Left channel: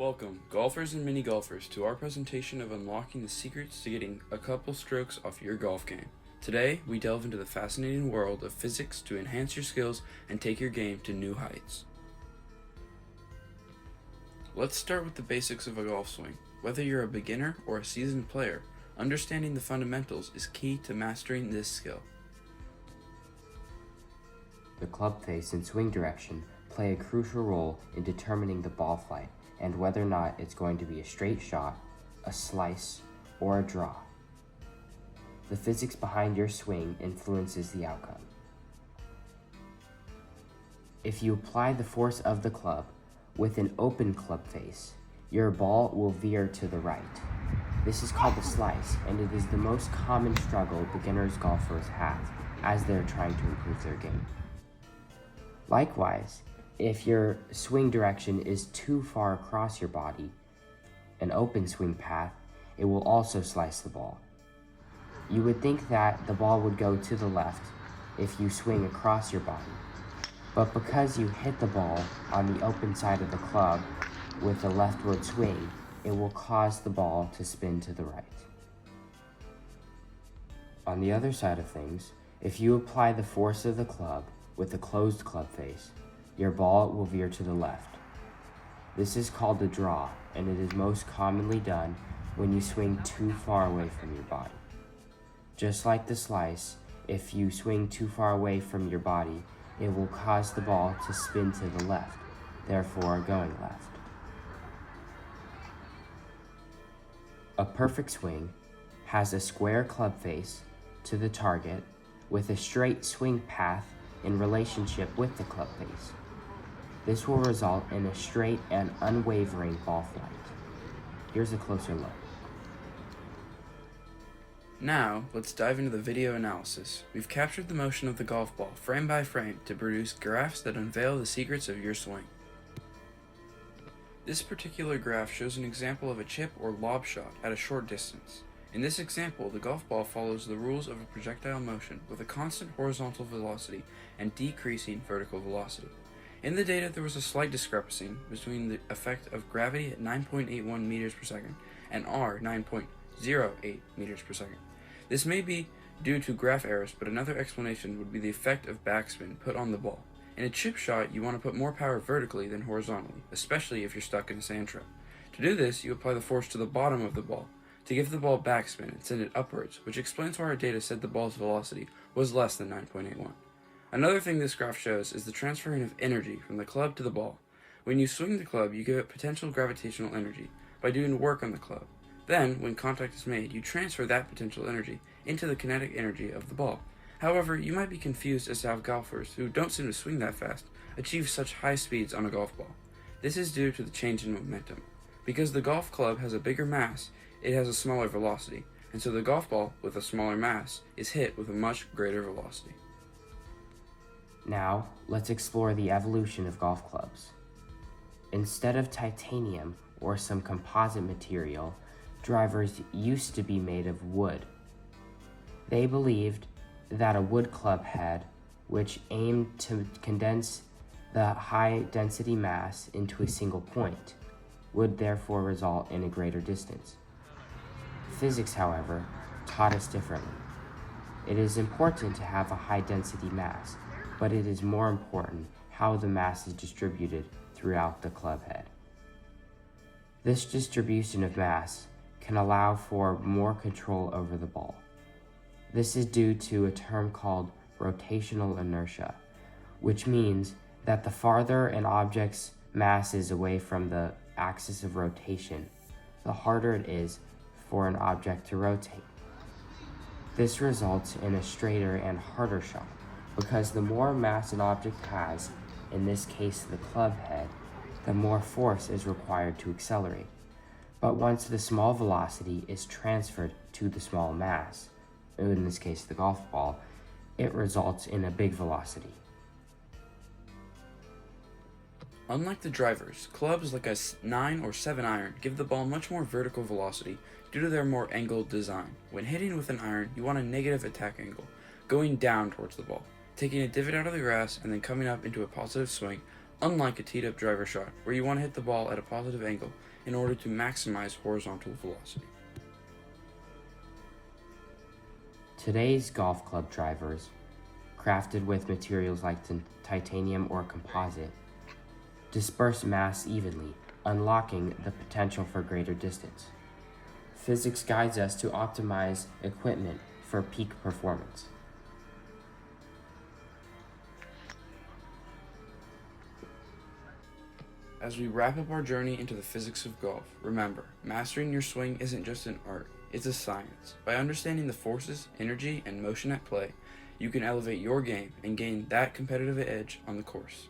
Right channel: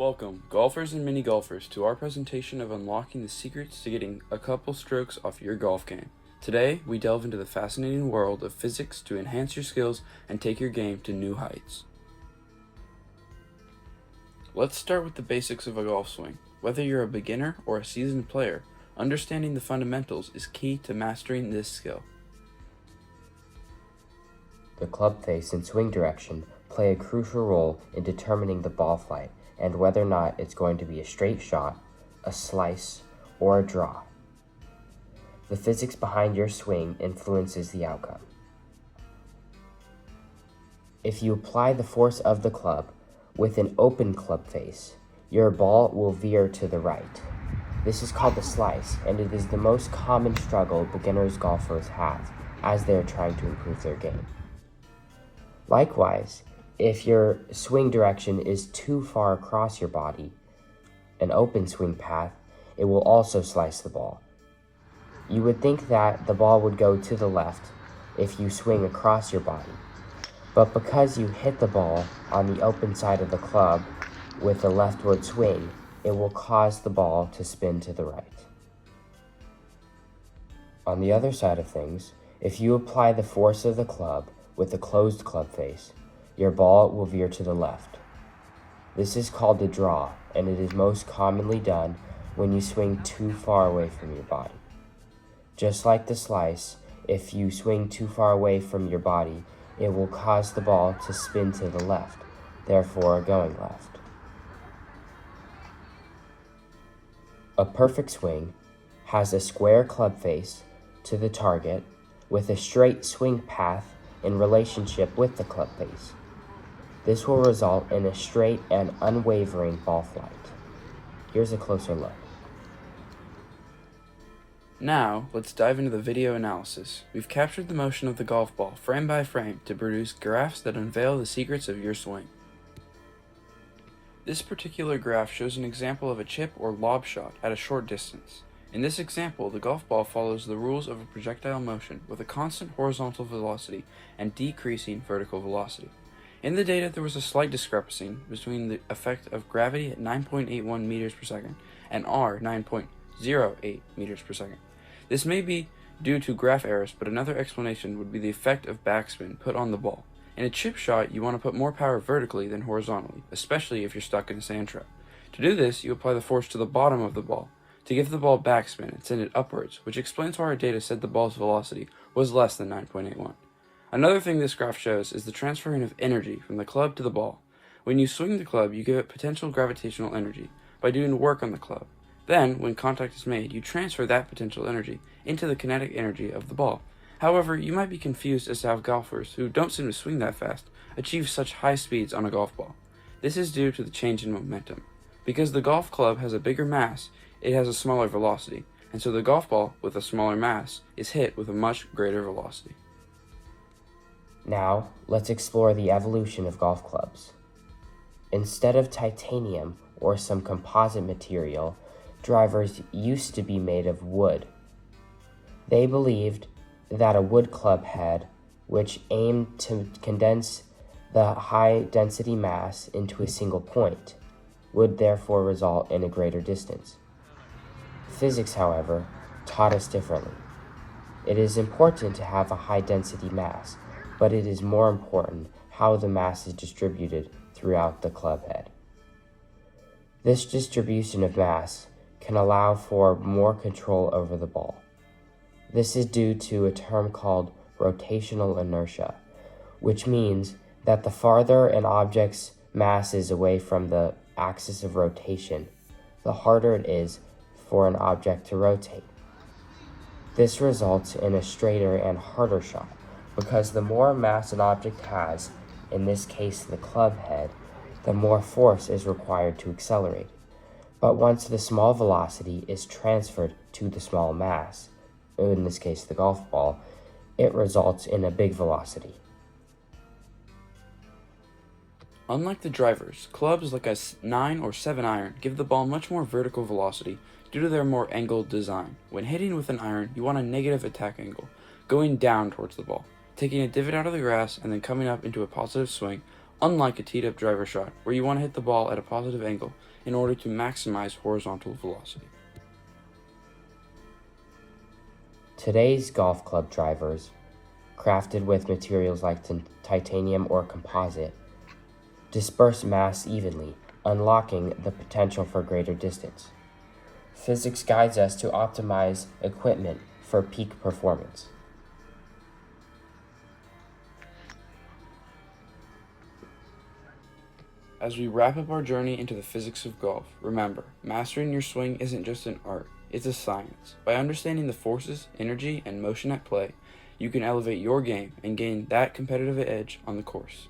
Welcome, golfers and mini golfers, to our presentation of unlocking the secrets to getting a couple strokes off your golf game. Today, we delve into the fascinating world of physics to enhance your skills and take your game to new heights. Let's start with the basics of a golf swing. Whether you're a beginner or a seasoned player, understanding the fundamentals is key to mastering this skill. The club face and swing direction play a crucial role in determining the ball flight and whether or not it's going to be a straight shot, a slice, or a draw. The physics behind your swing influences the outcome. If you apply the force of the club with an open club face, your ball will veer to the right. This is called the slice, and it is the most common struggle beginners golfers have as they are trying to improve their game. Likewise, if your swing direction is too far across your body, an open swing path, it will also slice the ball. You would think that the ball would go to the left if you swing across your body, but because you hit the ball on the open side of the club with a leftward swing, it will cause the ball to spin to the right. On the other side of things, if you apply the force of the club with a closed club face, your ball will veer to the left. This is called a draw, and it is most commonly done when you swing too far away from your body. Just like the slice, if you swing too far away from your body, it will cause the ball to spin to the left, therefore going left. A perfect swing has a square club face to the target with a straight swing path in relationship with the club face. This will result in a straight and unwavering ball flight. Here's a closer look. Now, let's dive into the video analysis. We've captured the motion of the golf ball frame by frame to produce graphs that unveil the secrets of your swing. This particular graph shows an example of a chip or lob shot at a short distance. In this example, the golf ball follows the rules of a projectile motion with a constant horizontal velocity and decreasing vertical velocity. In the data, there was a slight discrepancy between the effect of gravity at 9.81 meters per second and R 9.08 meters per second. This may be due to graph errors, but another explanation would be the effect of backspin put on the ball. In a chip shot, you want to put more power vertically than horizontally, especially if you're stuck in a sand trap. To do this, you apply the force to the bottom of the ball to give the ball backspin and send it upwards, which explains why our data said the ball's velocity was less than 9.81. Another thing this graph shows is the transferring of energy from the club to the ball. When you swing the club, you give it potential gravitational energy by doing work on the club. Then, when contact is made, you transfer that potential energy into the kinetic energy of the ball. However, you might be confused as to how golfers, who don't seem to swing that fast, achieve such high speeds on a golf ball. This is due to the change in momentum. Because the golf club has a bigger mass, it has a smaller velocity, and so the golf ball with a smaller mass is hit with a much greater velocity. Now, let's explore the evolution of golf clubs. Instead of titanium or some composite material, drivers used to be made of wood. They believed that a wood club head, which aimed to condense the high-density mass into a single point, would therefore result in a greater distance. Physics, however, taught us differently. It is important to have a high-density mass, but it is more important how the mass is distributed throughout the club head. This distribution of mass can allow for more control over the ball. This is due to a term called rotational inertia, which means that the farther an object's mass is away from the axis of rotation, the harder it is for an object to rotate. This results in a straighter and harder shot, because the more mass an object has, in this case the club head, the more force is required to accelerate. But once the small velocity is transferred to the small mass, in this case the golf ball, it results in a big velocity. Unlike the drivers, clubs like a 9 or 7 iron give the ball much more vertical velocity due to their more angled design. When hitting with an iron, you want a negative attack angle, going down towards the ball, taking a divot out of the grass and then coming up into a positive swing, unlike a teed up driver shot, where you want to hit the ball at a positive angle in order to maximize horizontal velocity. Today's golf club drivers, crafted with materials like titanium or composite, disperse mass evenly, unlocking the potential for greater distance. Physics guides us to optimize equipment for peak performance. As we wrap up our journey into the physics of golf, remember, mastering your swing isn't just an art, it's a science. By understanding the forces, energy, and motion at play, you can elevate your game and gain that competitive edge on the course.